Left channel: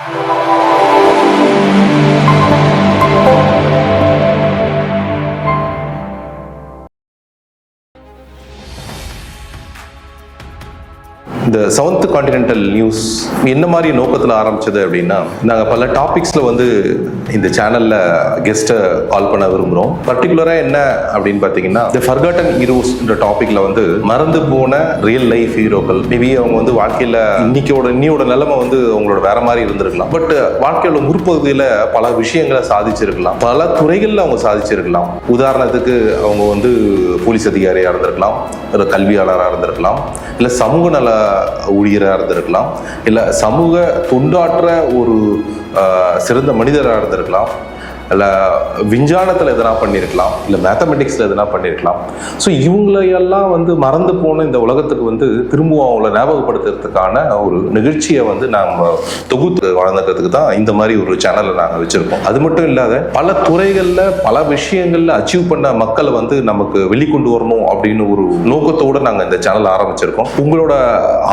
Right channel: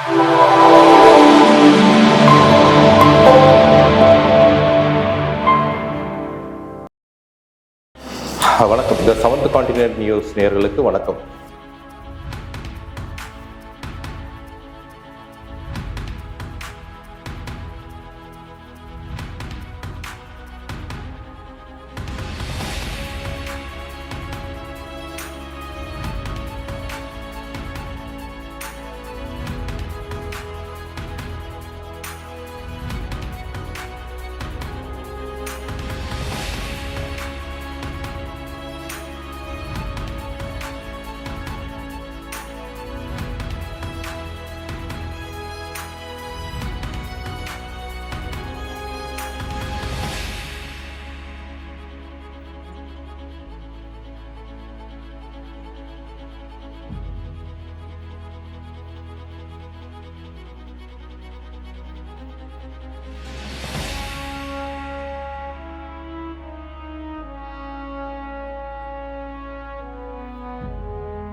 வணக்கம். இந்த seventh continent news நேயர்களுக்கு வணக்கம். இந்த செவன்த் கான்டினென்டல் நியூஸ் என்ன மாதிரி நோக்கத்தில் ஆரம்பிச்சது அப்படின்னா, நாங்கள் பல டாபிக்ஸில் இந்த சேனலில் கெஸ்ட்டை கால் பண்ண விரும்புகிறோம். பர்டிகுலராக என்ன அப்படின்னு பார்த்தீங்கன்னா, தி ஃபர்காட்டன் ஹீரோஸ்ன்ற டாப்பிக்கில் மறந்து போன ரியல் லைஃப் ஹீரோக்கள். மேபி அவங்க வாழ்க்கையில் இன்னியோட நிலைமை அவங்களோட வேற மாதிரி இருந்திருக்கலாம். பட் வாழ்க்கையோட முற்பகுதியில் பல விஷயங்களை சாதிச்சிருக்கலாம், பல துறைகளில் அவங்க சாதிச்சிருக்கலாம். உதாரணத்துக்கு அவங்க போலீஸ் அதிகாரியாக இருந்திருக்கலாம், ஒரு கல்வியாளராக இருந்திருக்கலாம், இல்லை சமூக நல ஊழியராக இருந்திருக்கலாம், இல்லை சமூக தொண்டாற்ற ஒரு சிறந்த மனிதராக இருந்திருக்கலாம், இல்லை விஞ்ஞானத்தில் எதனா பண்ணியிருக்கலாம், இல்லை மேத்தமெட்டிக்ஸில் எதனா பண்ணியிருக்கலாம். ஸோ இவங்களையெல்லாம் மறந்து போன இந்த உலகத்துக்கு திரும்பவும் அவங்கள ஞாபகப்படுத்துறதுக்கான ஒரு நிகழ்ச்சியை நாங்கள் தொகுத்து வளர்ந்துக்கிறதுக்கு தான் இந்த மாதிரி ஒரு சேனலை நாங்கள் வச்சுருக்கோம். அது மட்டும் இல்லாத பல துறைகளில் பல விஷயங்களில் அச்சீவ் பண்ண மக்களை நமக்கு வெளிக்கொண்டு வரணும் அப்படின்னு ஒரு நோக்கத்தோடு நாங்கள் இந்த சேனலை ஆரம்பிச்சிருக்கோம். உங்களோட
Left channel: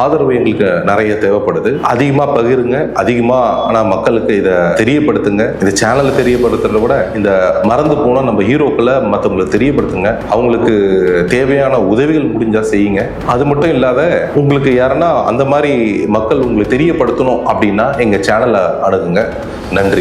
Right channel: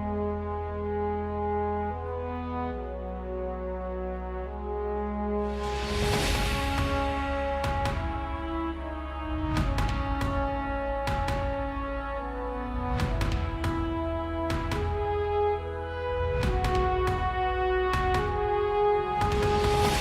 ஆதரவு எங்களுக்கு நிறைய தேவைப்படுது. அதிகமாக பகிருங்க, அதிகமாக மக்களுக்கு இதை தெரியப்படுத்துங்க. இந்த சேனலை தெரியப்படுத்த விட இந்த மறந்து போன நம்ம ஹீரோக்களை மற்றவங்களுக்கு தெரியப்படுத்துங்க. அவங்களுக்கு தேவையான உதவிகள் முடிஞ்சா செய்யுங்க. அது மட்டும் இல்லாத உங்களுக்கு யாருன்னா அந்த மாதிரி மக்கள் உங்களுக்கு தெரியப்படுத்தணும் அப்படின்னா எங்க சேனலை அணுகுங்க. நன்றி.